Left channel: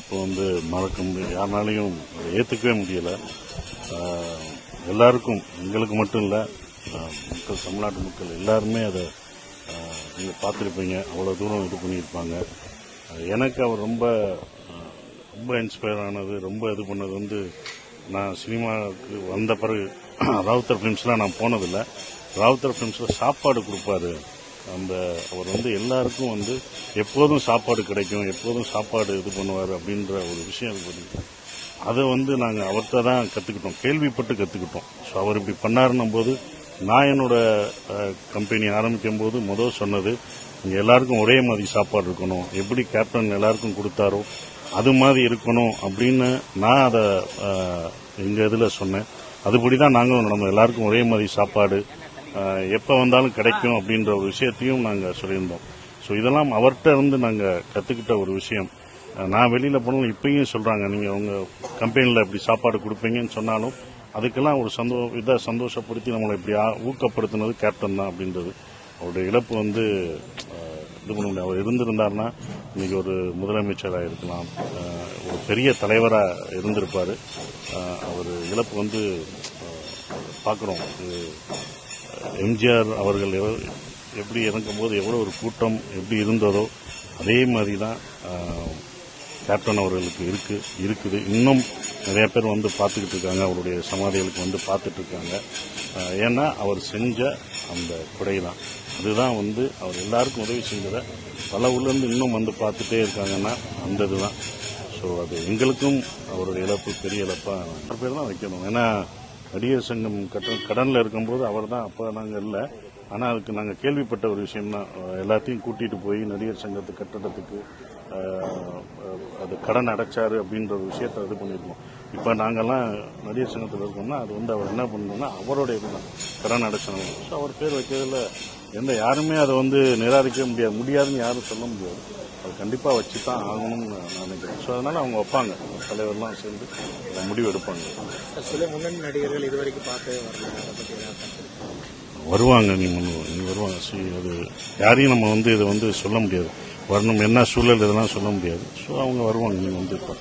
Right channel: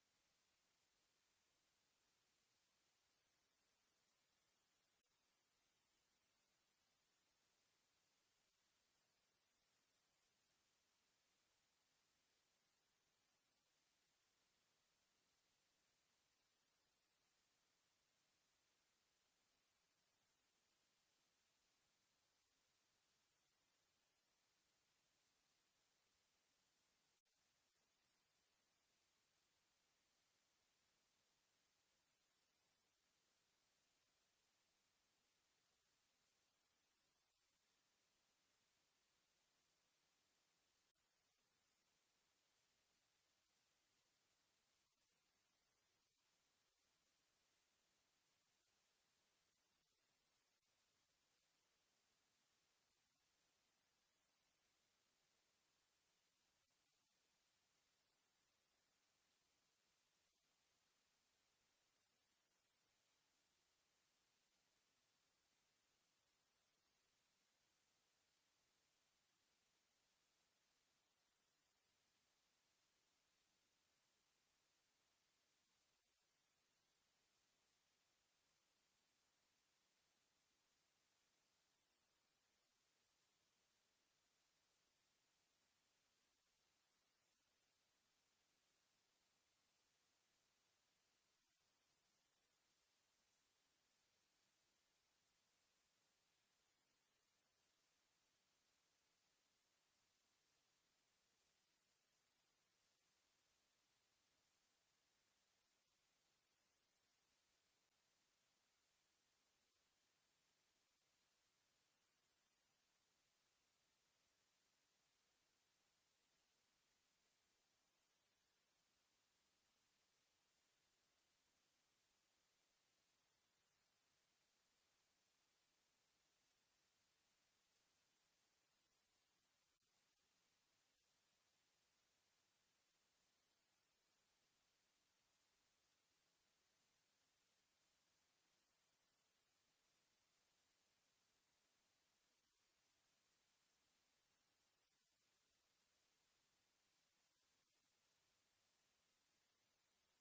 இழப்பு வந்து மறக்க முடியும், யாருனாலையும் ஏற்றுக்கவே முடியலை. எல்லாருக்கும், எங்களுக்கு மட்டும் இல்லை, மக்கள், தமிழ்நாட்டு மக்கள் எல்லாருமே அதை நீங்கள் பார்த்துருப்பீங்க. அவ்வளோ தூரம் இது பண்ணியிருப்பாங்க. எனக்கு அவர் ரொம்ப ரொம்ப இன்ஸ்பயர் ஆனது, ரொம்ப இது பண்ணது வந்து, நான் சினிமாவுக்கு வந்த பிறகு ராவுத்தர் ஃபிலிம்ஸ்லாம் நான் போனதில்லை. ராவுத்தர் ஃபிலிம்ஸில் சாப்பாடு கொடுப்பாரு. அவர் வந்து எல்லாருக்கும் வந்து எப்போதும் சாப்பாடு கிடைக்கும், எப்போதும் சாப்பாடு இது பண்ணுவார் அப்படின்ற ஒரு விஷயம் இது பண்ணி அதை வந்து நாங்கள் அவர்கிட்ட தான் கற்றுக்கிட்டோம், கேள்விப்பட்டு கற்றுக்கிட்டோம். ஸோ அவர் இப்படி பண்ணாருன்னும் போது, நான் என்னோட கம்பெனி ஆரம்பிக்கும் போது முதல் சொன்னது, இங்கே எல்லாருக்கும் ஒரே மாதிரி சாப்பாடு இருக்கணும், எப்படி கேப்டன் எல்லாருக்கும் கொடுத்தாரோ அது மாதிரி இருக்கணும் அப்படின்னு நான் அதை எங்கள் இதில் சொன்னேன். அதுபடி தான் நாங்களும் நம்ம எல்லாருக்கும் ஒரே மாதிரி சாப்பாடு எப்போ வந்தாலும் கிடைக்கும் அப்படின்ற ஒரு விஷயத்தையும் நாங்கள் சொல்லியிருந்தோம். ஸோ இதெல்லாம் அவர்கிட்ட இருந்து நாங்கள் கற்றுக்கிட்ட ஒரு விஷயம். நான் வெளியில் போனாலும் இப்பயும் சொல்கிறாங்க, நீங்கள் உங்கள் கம்பெனியில் இப்படி சாப்பாடு கொடுப்பீங்கன்னு சொன்னாலும் அதுக்கெல்லாம் ஒரு சந்தோஷப்படுத்தி நம்மளை இப்படி ஊக்கப்படுத்தினது கேப்டன் தான் அப்படின்றது. அவருடைய இழப்பு வந்து இது பண்ண முடியாது. அவர் இருந்திருந்தார்னா இன்னைக்கு ஒரு முதலமைச்சராக இருக்கலாம், ஒரு பெரிய தலைவராக இருந்திருப்பார். அவர் இழப்பு வந்து பார்க்குறோம். எம்ஜிஆர் அவர்கள் எப்படி இறங்கும்போது எவ்வளோ ஒரு கூட்டம் எப்படி இருந்ததோ அதே மாதிரி தான் கேப்டன் அவர்களுக்கு இருக்குது. இன்னும் நிறைய பேர் வந்து பார்த்துக்கிட்டு இருக்காங்க, அவருடைய சமாதிகளுக்கு வந்து பார்த்துட்டு இருக்காங்க. ஏன்னா அவர் செஞ்ச அந்த கொடை தான், அதுதான் வந்து அவர் எல்லாருக்கும் உதவி செஞ்சதை பல ஊர்லேருந்து இன்னும் வந்து பார்த்துட்டே இருக்காங்கன்னா அந்த இதுதான். ஸோ அது எங்களுக்கும் அவருடைய இழப்பு பெரிய இழப்பாக பேர் தான் வைக்கணும். ஏன்னா நடிகர் சங்கம் கடனில் இருக்கும்போது அவர் தான், அப்போ நாங்கள் இல்லை, ஆனால் அதுக்கு நாங்கள் கேள்விப்பட்ட ஒரு விஷயம்தான். எல்லாத்தையும் கூட்டிகிட்டு போய் நடிகர் சங்கத்து கட்டடத்துக்கு அது கடன் அடைச்சாரு அப்படின்ற ஒரு விஷயத்தை இது பண்ணியிருக்கோம். இப்போ நாங்கள்லாம் நடிகர் சங்கத்தில் இருக்கோம்னா அது வந்து அவர் என்ன பண்ணணும்னா அவரோட இதுதான் கடன் அடைச்சணும். ஸோ அவர் பேர் வைக்கிறதுல யாருமே அதை வந்து நிராகரிக்க முடியாதுன்னு யாரும் சொல்ல முடியாது. அது கண்டிப்பாக வச்சு தான் ஆகணும்னு நான் நினைக்கிறேன். ஸோ அதனால் அவங்க வைப்பாங்க, தலைவர்லாம் சேர்ந்து முடிவு எடுப்பாங்க. சில முன்னணி நடிகர்கள் இதுவரைக்கும் பார்த்து வருவாங்க, நீ வருவாங்க. அது யாரையும் நம்ம வந்து இதை வந்து சொல்ல முடியாது, வரணும் என்ன சூழல் இதெல்லாம் சொல்ல முடியாது. ஸோ அவங்க வருவாங்க, நீங்கள் வந்து இப்போ